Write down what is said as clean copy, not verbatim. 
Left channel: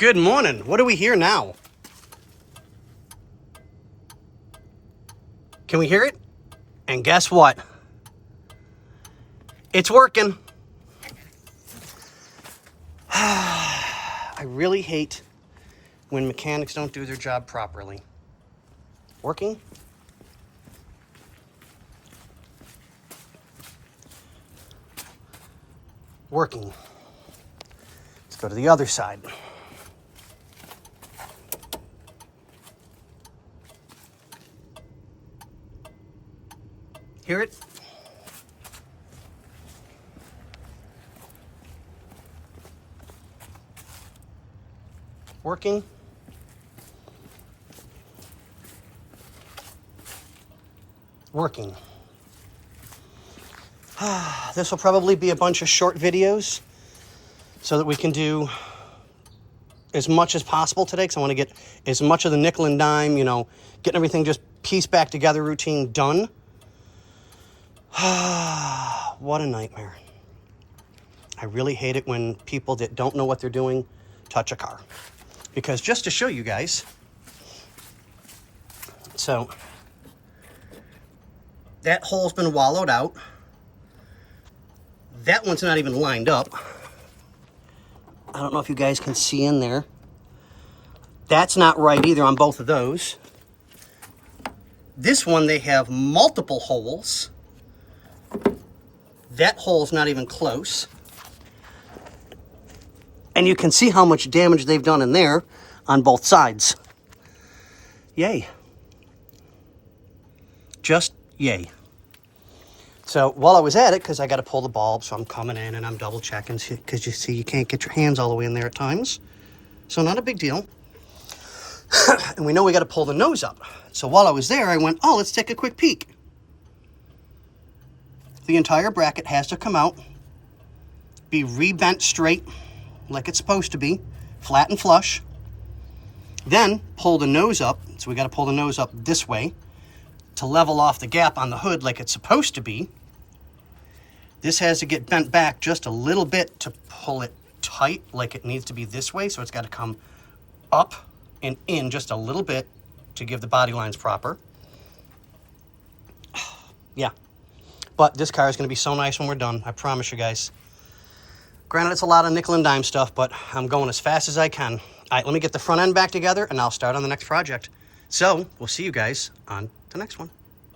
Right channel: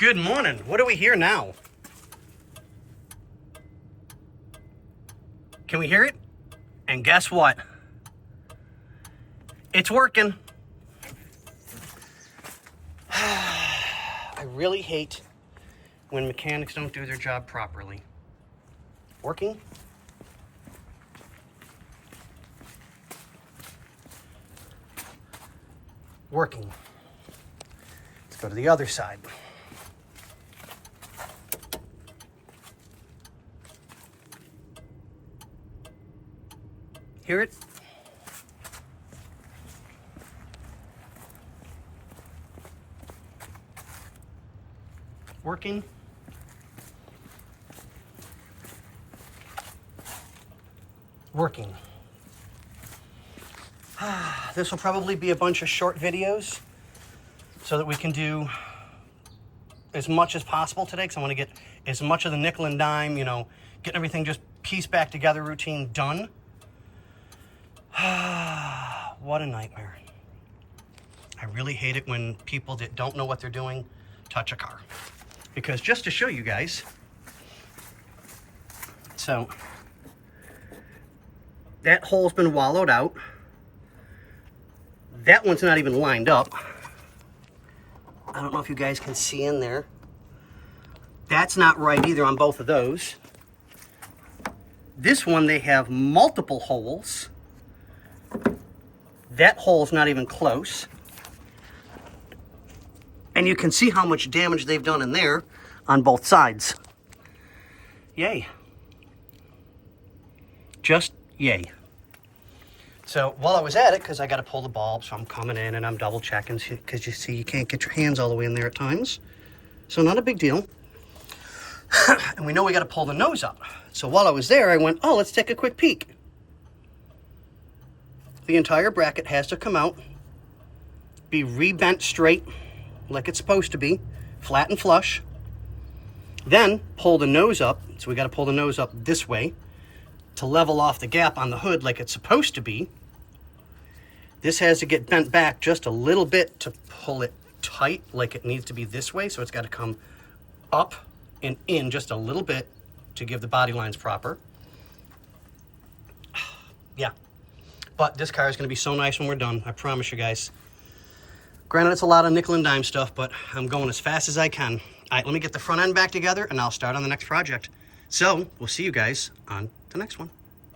Good morning. What do we hear now? Can we hear it? And guess what? It's working. I really hate when mechanics don't do their job properly. Working? Working. Let's go to the other side. Hear it? Working? Working. This will probably be a bunch of short videos so that we can do as much as possible today, because I want to get as much of the nickel and dime, getting everything just pieced back together routine done. What a nightmare. I really hate it when people that don't know what they're doing touch a car. Because just to show you guys, so that hole's been wallowed out. That one's not even lined up. I don't know if you guys can see in there. That's not right either on both of those. This one, they have multiple holes. That hole's not even close. And you can see how much damage they've done in there on both sides. Yay. Just yay. So while I was at it, because I got to pull the bulb, so I'm coming in and I'm double checking, because you see you can't get your hands all the way in there at times. So not a big deal. And we know we got to pull the nose up. So while I was there, I went, oh, let's take a quick peek. The entire bracket has to come out, be rebent straight like it's supposed to be, flat and flush. Then pull the nose up. So we got to pull the nose up this way to level off the gap on the hood like it's supposed to be. This has to get bent back just a little bit to pull it tight like it needs to be this way. So it's got to come up and in just a little bit to give the body lines proper. Yeah. But this car is going to be so nice when we're done. I promise you guys. Granted, it's a lot of nickel and dime stuff, but I'm going as fast as I can. All right, let me get the front end back together, and I'll start on the next project. So we'll see you guys on the next one.